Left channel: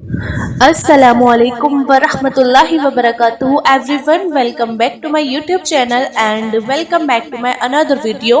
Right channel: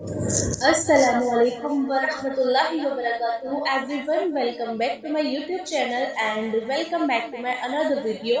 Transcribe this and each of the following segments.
Assalamualaikum warahmatullahi wabarakatuh everyone, welcome back to my YouTube channel and welcome back to my another video.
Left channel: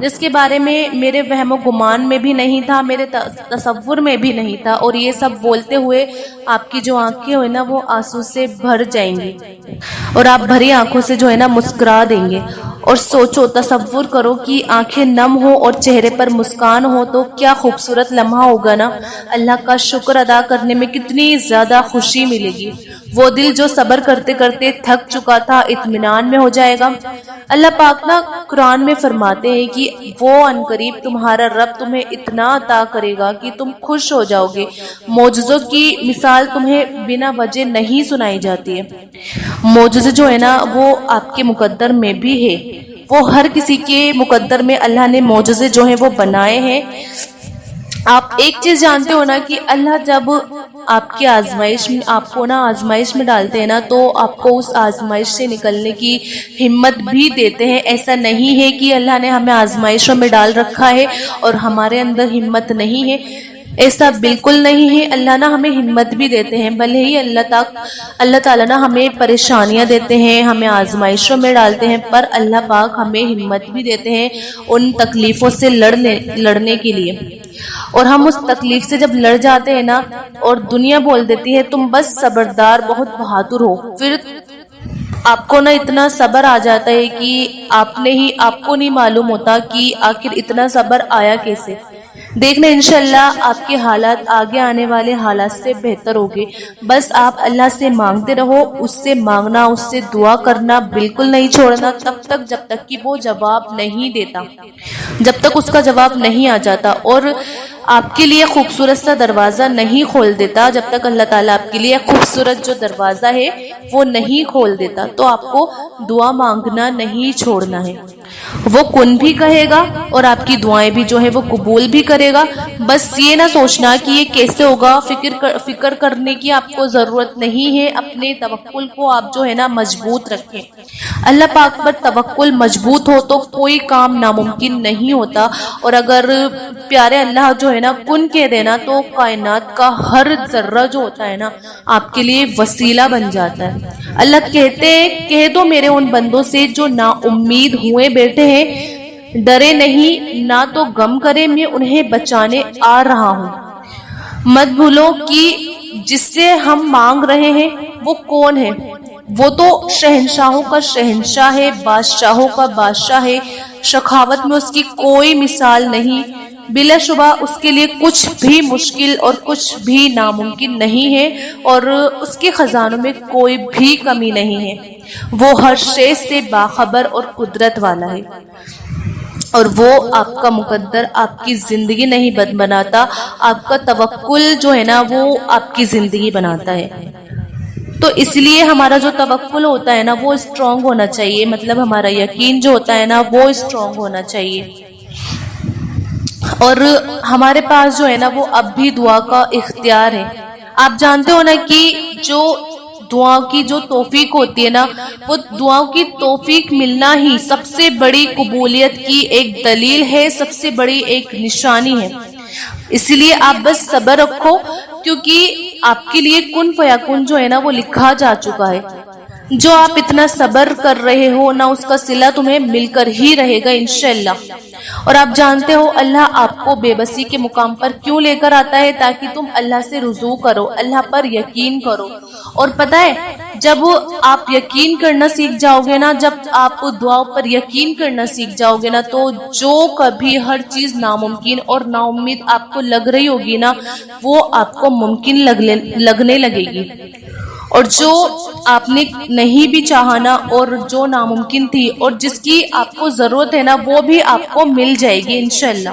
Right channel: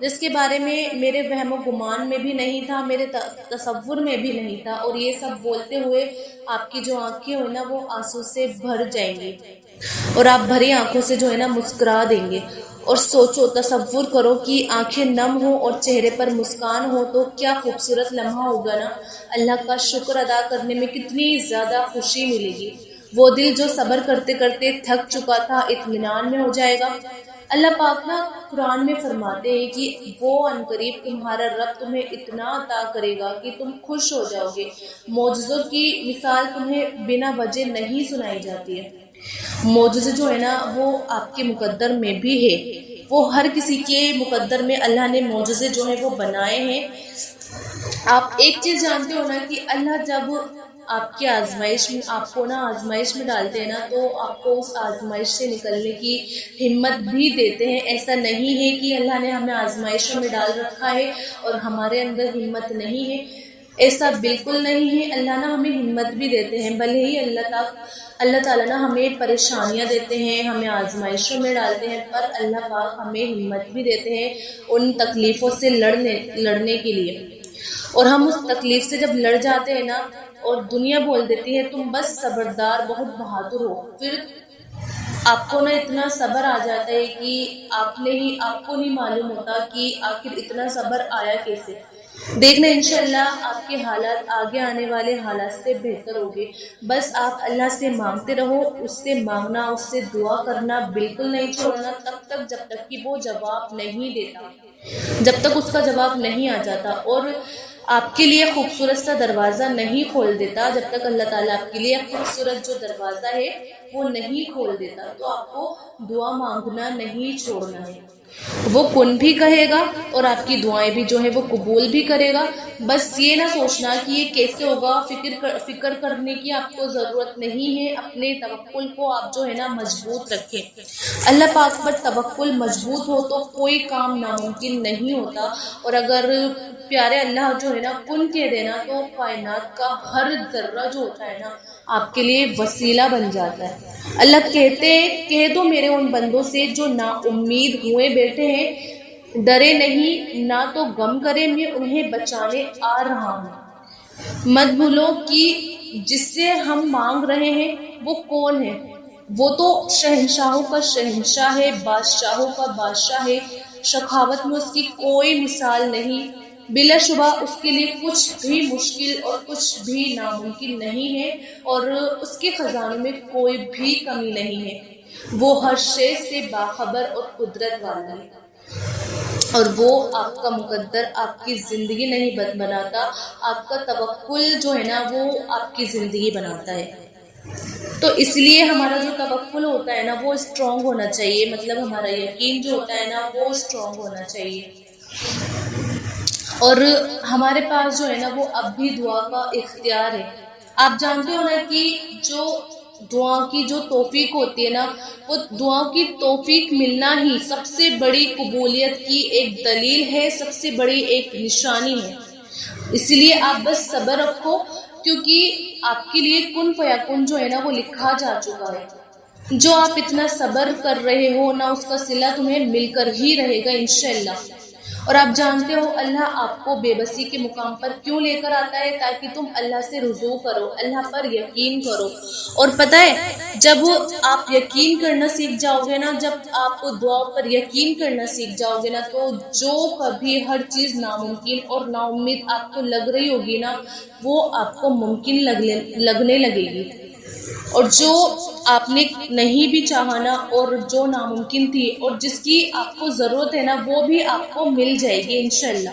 جس کے بارے میں میرے وہم و گمان میں بھی نہیں تھا، میرے تصور میں بھی نہیں تھا، اور یہ سب بولتے ہوئے آپ کی جو آنکھیں ہوئے نا وہ آنسو سے بھر جائیں گی اور آپ بھری آنکھوں سے جو ہے نا مسکرا دیں گے۔ اور سوچو، تصور کرو کہ آنکھیں نم ہو اور چہرے پر مسکان ہو تو کیا خوبصورت لمحہ ہوگا نا۔ اللہ کا شکر ادا کرنے میں کتنی زیادہ خوشی ملے گی۔ وہ دل جو صبر کرتے کرتے تھک چکا تھا اطمینان میں ہو جائے گا۔ اللہ پاک نا قرآن میں فرماتے ہیں کہ وہ عنقریب تمہارا رب تمہیں اتنا عطا کرے گا کہ تم خوش ہو جاؤ گے۔ معجزوں کی مثال تمہیں بنا وجہ نہیں سنائی جاتی ہے۔ معجزے جو ہے نا وہ آپ کے مقدر میں بھی ہے، وہ ہر کسی کے مقدر میں اللہ نے معجزے جو ہیں وہ بنائے ہیں۔ آپ ایک چیز جانتے ہو نا کہ اللہ جب آپ کی آزمائش میں آپ کو نا آزمائش میں ڈالتے ہیں نا تو آپ کو اس آزمائش سے نکلنے کی ہمت بھی دیتے ہیں۔ ایسا نہیں ہے کہ اللہ نے ہمیں آزمائشوں میں ڈال رکھا ہے اور ہمارے اندر ہمت نہیں ہے، ایسا بالکل نہیں ہے۔ اللہ نا ہمیں ہمت بھی دیتے ہیں، بھلے ہی اللہ تعالیٰ نا ہمیں پریشانیاں دیتے ہیں، ہمیں آزمائشوں میں ڈالتے ہیں، پر اللہ پاک ہمیں ہمت بھی دیتے ہیں ان تکلیفوں سے لڑنے کے لیے۔ اور ہم اس تکلیف سے جب لڑ جاتے ہیں نا اور دنیا بول دیتی ہے تم بس صبردار، بہت بہادر ہو، پھر آپ کو نا اتنا صبر آ جاتا ہے کہ آپ کو نہیں معلوم ہوتا کہ آخر اتنا صبر آیا کیسے۔ دیکھنا انشاءاللہ آپ کے حالات آگے آنے والے حالات سے بہتر ہوگے۔ بس آپ اللہ سے مانگتے رہو، اس سے مانگنا، اس سے دعا کرنا بالکل نہیں چھوڑنا تب تک جب تک کہ وہ جواب نہیں دیتا، جب تک اس کا جواب نہیں آ جاتا، اور آپ کے لیے خوبصورت سا دروازہ نہیں کھول دیتا جب تک اللہ تعالیٰ آپ کے لیے خوبصورت جو دروازہ ہے وہ نہیں کھول دیتا۔ تو آپ کو دعا مانگنا نہیں چھوڑنا ہے، وہ کن بھی کہے گا اور آپ کی دعائیں بھی جو ہے وہ قبول بھی کرے گا۔ بس یہ نہ سوچنا کہ یہ کیسے ہوگا، فکر کرنے کی آپ کو ضرورت نہیں ہے۔ اپنے توکل کو آپ جو ہے نا مضبوط رکھیں۔ اللہ پاک پر توکل مضبوط ہو تو کوئی کام ناممکن نہیں ہوتا، اور اگر پیارے اللہ جو ہے نا کن کہہ دینا تو کائنات کا ہر ذرہ جو ہوتا ہے نا آپ کے لیے وسیلہ بن جاتا ہے۔ اللہ کہتے ہیں کہہ دو میرے ان بندوں سے جو نا امید ہوئے بیٹھے ہیں، ڈرے نہیں نہ تو غم کرے، میں انہیں بچانے آ رہا ہوں۔ مت بھولو کہ جس سے ہم مانگ رہے ہیں وہ کون ہے، وہ تو شہنشاہوں کا شہنشاہ ہے، بادشاہوں کا بادشاہ ہے، سخاوت میں اس کی کوئی مثال نہیں، بلا شبہ اس کے لیے کچھ بھی مشکل اور کچھ بھی ناممکن نہیں ہے، اور اس کے خزانوں میں کوئی بھی کمی نہیں ہے۔ وہ ہر شے سے باخبر اور قدرت والا ہے، اور وہ آپ کا مقدر آپ کی زندگی نہیں بناتا، آپ کا توکل جو ہے نا وہ آپ کی زندگی بناتا ہے۔ تو اس لیے ہمارا جو توکل ہوتا ہے نا وہ اسٹرانگ ہونا چاہیے، مطلب ہمارا یقین جو ہوتا ہے نا وہ اسٹرانگ ہونا چاہیے، اور ہمارے پاس جو ہے نا وہ اب بھی دعا کا اختیار ہے۔ آپ جانتے ہو نا کہ جو دعا کی جو توفیق ہوتی ہے نا وہ دعا کی توفیق ملنا ہی سب سے بڑی قبولیت کی ایک دلیل ہے، سب سے بڑی ایک نشانی ہے۔ اس لیے آپ بس صبر رکھو، کیونکہ آپ کے لیے کن فیکون جو ہے نا وہ لکھا جا چکا ہے۔ جو آپ اتنا صبر کر رہے ہو نا اس کا صلہ تمہیں مل کر ہی رہے گا انشاءاللہ۔ اور آپ جانتے ہو اللہ آپ کو بے بسی کے مقام پر کیوں لے کر آتا ہے؟ تاکہ تم اللہ سے رجوع کرو، اللہ پر یقین کرو۔ اور پتہ ہے جب آپ یقین کرنا سیکھ جاؤ گے نا، جب آپ دعا پر یقین کرنا سیکھ جاؤ گے نا، تو جو کبھی ہر چیز ناممکن اور نا امید آپ کو لگ رہی ہوگی نا وہ آپ کو ممکن لگنے لگے گی، اور جو آپ نے نہیں بھی چاہا اور جو ناممکن تھی اور جس کی آپ کو ضرورت ہے نا وہ بھی آپ کو مل جائے گی انشاءاللہ۔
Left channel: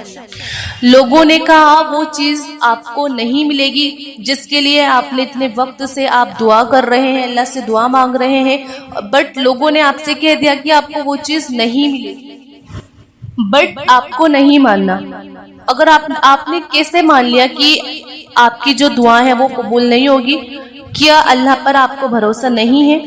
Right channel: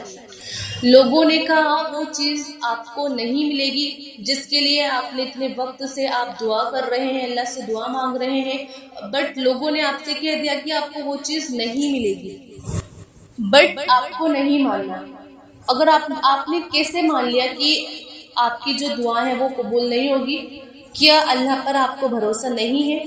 لوگوں نے کہا وہ چیز آپ کو نہیں ملے گی جس کے لیے آپ نے اتنے وقت سے آپ دعا کر رہے ہیں، اللہ سے دعا مانگ رہے ہیں، بٹ لوگوں نے آپ سے کہہ دیا کہ آپ کو وہ چیز نہیں ملے گی، بٹ آپ کو نہیں ماننا۔ اگر آپ نے کیسے مان لیا کہ آپ کی جو دعا ہے وہ قبول نہیں ہوگی؟ کیا اللہ پر آپ کو بھروسہ نہیں ہے؟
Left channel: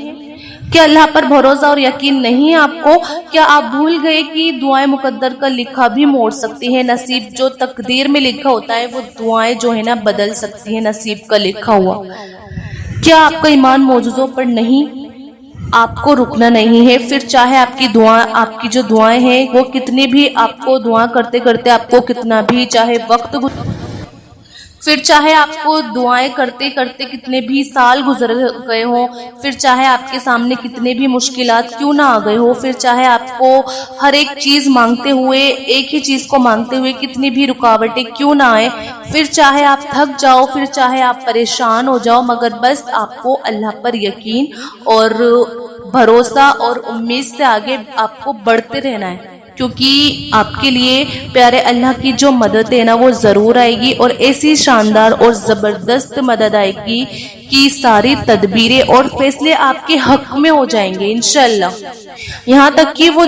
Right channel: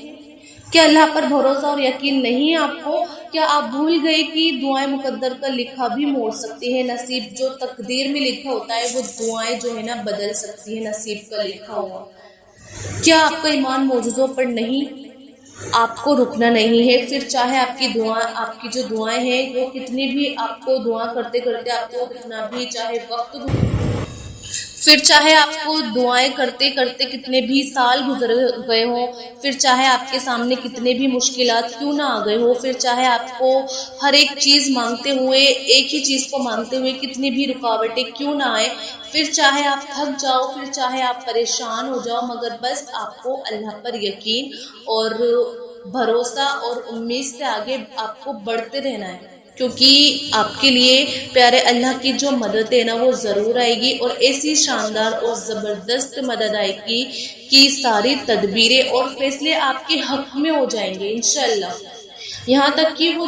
کیا اللہ پر بھروسہ اور یقین نہیں ہے آپ کو؟ کیا آپ بھول گئے کہ دعائیں مقدر کا لکھا بھی موڑ سکتی ہیں؟ نصیب جو تقدیر میں لکھا ہوتا ہے وہ دعائیں جو ہے نا بدل سکتی ہیں نصیب کا لکھا ہوا۔ کیا آپ کا ایمان معجزوں پر نہیں؟ آپ کو رکنا نہیں ہے، پھر چاہے آپ کی جو دعائیں ہیں وہ کتنی بھی آپ کو دعا کرتے کرتے آپ کو کتنا بھی چاہے وقت پھر چاہے آپ کو دعائیں کرتے کرتے کتنے بھی سال گزر گئے ہوں، پھر چاہے آپ کے سامنے کتنے بھی مشکلات کیوں نہ آ گئے ہو، پھر چاہے آپ کو ہر ایک چیز مانگتے ہوئے ایک ہی چیز کو مانگتے ہوئے کتنی بھی رکاوٹیں کیوں نہ آئے، پھر چاہے آپ تھک جاؤ، پھر چاہے آپ پریشان ہو جاؤ، مگر بس آپ کو اللہ پر یقین اور بھروسہ اور امید سے آگے آپ کو بڑھتے رہنا ہے، کیونکہ آپ کے لیے پیارے اللہ کی جو مدد ہے نا وہ ضرور آئے گی، اور ایسی شاندار اور زبردست مدد آئے گی کہ ساری تدبیریں اور فیصلے آپ کے حق میں ہو جائیں گے انشاءاللہ۔ یہاں تک کہ وہ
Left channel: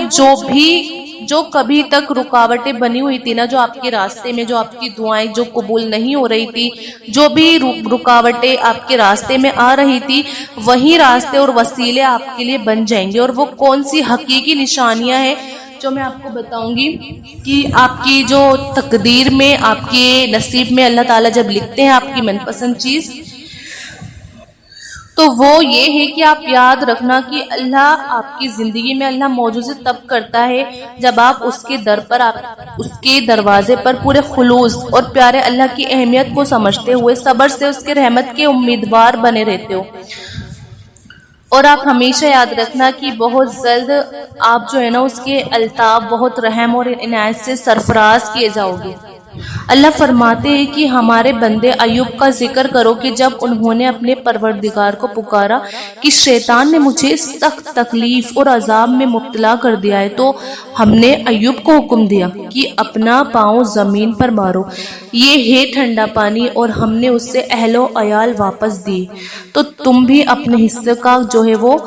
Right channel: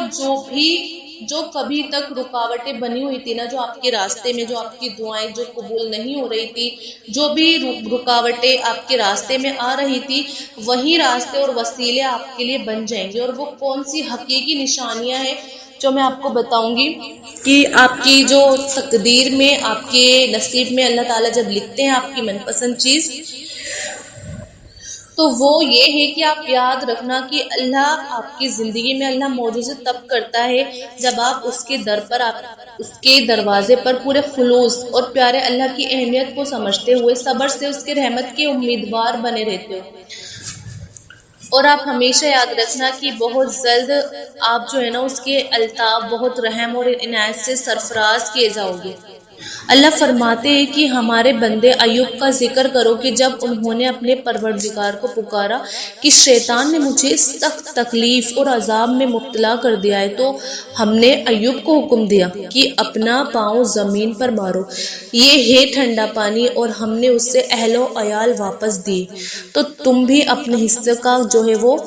جو کبھی تک رکاوٹیں بنی ہوئی تھی نا، جو آپ کے راستے میں، جو آپ کی دعائیں جو قبول نہیں ہو رہی تھی، جو بھی رکاوٹیں آپ کے راستے میں آ رہی تھی، وہی راستے اور وسیلے آپ کے لیے بن جائیں گے۔ اور وہ کون سی حقیقی نشانیاں ہیں جو میں آپ کو بتاؤں گی کہ آپ کی جو تقدیر میں، آپ کے نصیب میں اللہ تعالیٰ جب لکھتے ہیں آپ کی من پسند چیز، تو وہ یہ ہے کہ آپ یاد رکھنا کہ اللہ آپ کی زندگی میں اللہ معجزے تب کرتا ہے جب آپ اس کے در پر، آپ اس کے دروازے پر پورے خلوص اور پیارے اللہ کی اہمیت کو سمجھتے ہوئے صبر سے اس کے رحمت کے امیدوار بنے رہتے ہو۔ اور آپ ہمیشہ یاد رکھنا کہ بہت جلد آپ جو ہے نا اس کے الطاف، بہت رحم اور عنایت سے سرفراز کیے جاؤ گے۔ اللہ فرماتے ہیں کہ ہمارے بندے ایوب کا ذکر کرو کہ جب انہوں نے اپنے پروردگار کو پکارا کہ شیطان نے مجھے سخت تکلیف اور عذاب میں مبتلا کر دیا ہے، تو ہم نے ایوب کو حکم دیا کہ اپنا پاؤں زمین پر مارو، یہ ہے ٹھنڈا پانی، اور ہم نے اس سے اہل و عیال واپس دیے۔ تو تم بھی اپنے حصے کا جو ہے وہ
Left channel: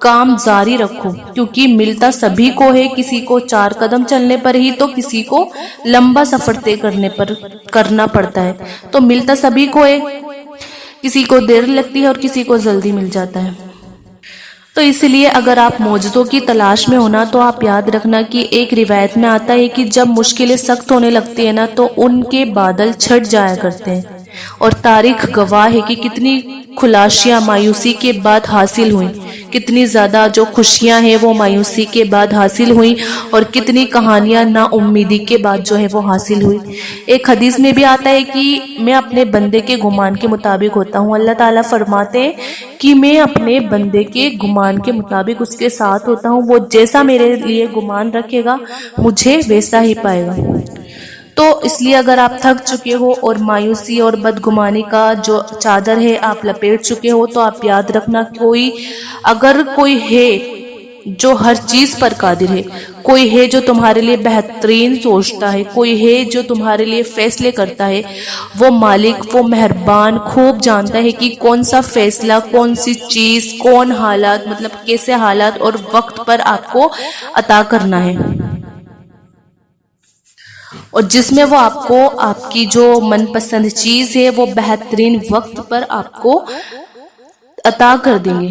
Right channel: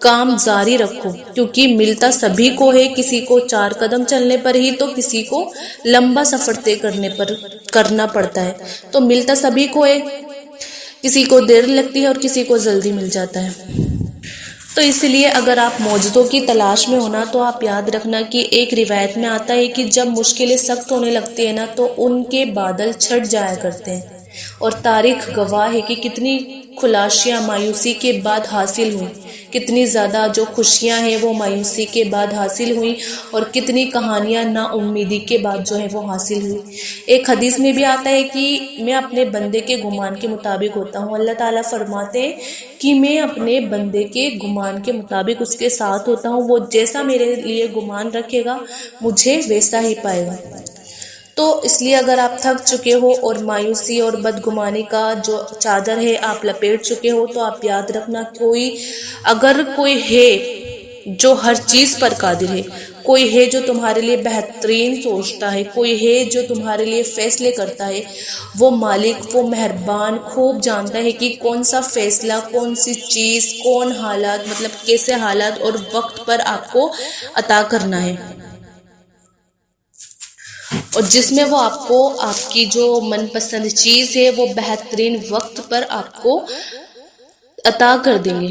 کام جاری رکھو، کیونکہ ملتا سبھی کو ہے، کسی کو 4 قدم چلنے پر ہی تو کسی کو لمبا سفر طے کرنا پڑتا ہے، تو ملتا سبھی کو ہے، کسی کو دیر لگتی ہے اور کسی کو جلدی مل جاتا ہے۔ تو اس لیے اگر آپ معجزوں کی تلاش میں ہونا تو آپ یاد رکھنا کہ ایک روایت میں آتا ہے کہ جب مشکلیں سخت ہونے لگتی ہیں نا تو ان کے بادل چھٹ جایا کرتے ہیں، اور تاریخ گواہ ہے کہ کتنی خلاشیاں مایوسی کے بعد حاصل ہوئیں، کتنی زیادہ جو خوشیاں ہیں وہ مایوسی کے بعد حاصل ہوئیں، اور کتنی کہانیاں نا امیدی کے بعد جو ہے وہ حاصل ہوئی۔ ایک حدیث میں بھی آتا ہے کہ میں اپنے بندے کے گمان کے مطابق ہوتا ہوں۔ اللہ تعالیٰ فرماتے ہیں کہ میں اپنے بندے کے گمان کے مطابق اس کے ساتھ ہوتا ہوں، وہ جیسا میرے لیے گمان رکھے گا مجھے ویسا ہی پائے گا۔ تو اس لیے اگر آپ تھک چکے ہو اور مایوسی اور بدگمانی کا جو چادر ہے آپ لپیٹ چکے ہو، تو آپ یاد رکھنا اگر کوئی ہے جو ہر چیز پر قادر ہے، کوئی ہے جو تمہارے لیے بہترین سوچتا ہے، کوئی ہے جو تمہارے لیے فیصلے کرتا ہے، وہ مالک، وہ مہربان خوب جانتا ہے کہ کون سا فیصلہ، کون سی چیز، کون حالات، مطلب کیسے حالات اور وقت پر آپ کو عطا کرنا ہے، اور جس میں وہ آپ کو آپ کی جو من پسند چیز ہے وہ بہترین وقت پر آپ کو عطا کر دیں گے۔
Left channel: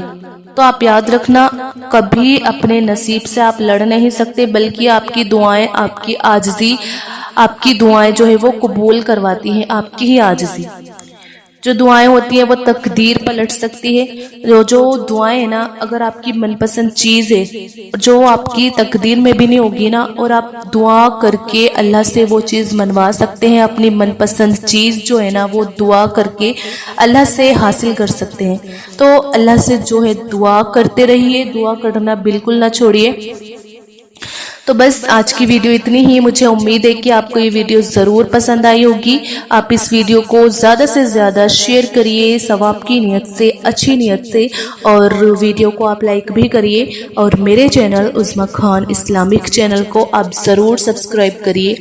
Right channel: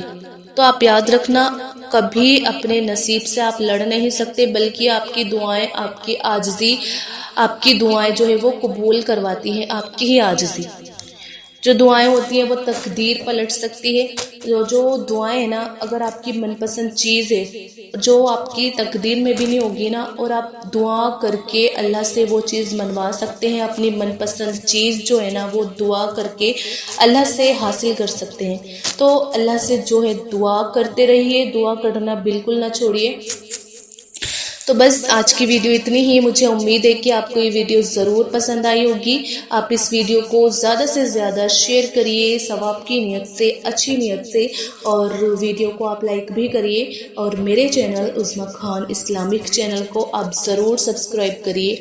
تو آپ یاد رکھنا کبھی اپنے نصیب سے آپ لڑ نہیں سکتے، بلکہ آپ کی دعائیں، آپ کی عاجزی، آپ کی دعائیں جو ہے وہ قبول کرواتی ہیں، آپ کی ہی عاجزی۔ جو دعائیں ہوتی ہیں وہ تقدیر پلٹ سکتی ہے۔ جو دعائیں ہیں نا، اگر آپ کی من پسند چیز ہے جو آپ کی تقدیر میں بھی نہیں ہوگی نا، اور آپ دعا کر کے اللہ سے وہ چیز منوا سکتے ہیں، اپنی من پسند چیز جو ہے نا وہ دعا کر کے اللہ سے حاصل کر سکتے ہیں۔ تو اللہ سے جو ہے دعا کرتے رہیے، دعا کرنا بالکل نہ چھوڑیے۔ تو بس آج کی ویڈیو اتنی ہی۔ مجھے امید ہے کہ آپ کو یہ ویڈیو ضرور پسند آئی ہوگی۔ آپ اس ویڈیو کو زیادہ سے زیادہ شیئر کریے ثواب کی نیت سے، اچھی نیت سے، اور ویڈیو کو آپ لائک بھی کریے، اور میرے چینل عظمیٰ خان اسلامک چینل کو آپ ضرور سبسکرائب کریے۔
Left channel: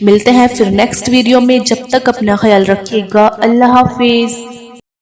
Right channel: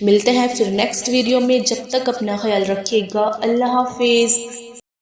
ملتے ہیں پھر نیکسٹ ویڈیو میں، جب تک اپنا خیال رکھیے گا۔ اللہ حافظ۔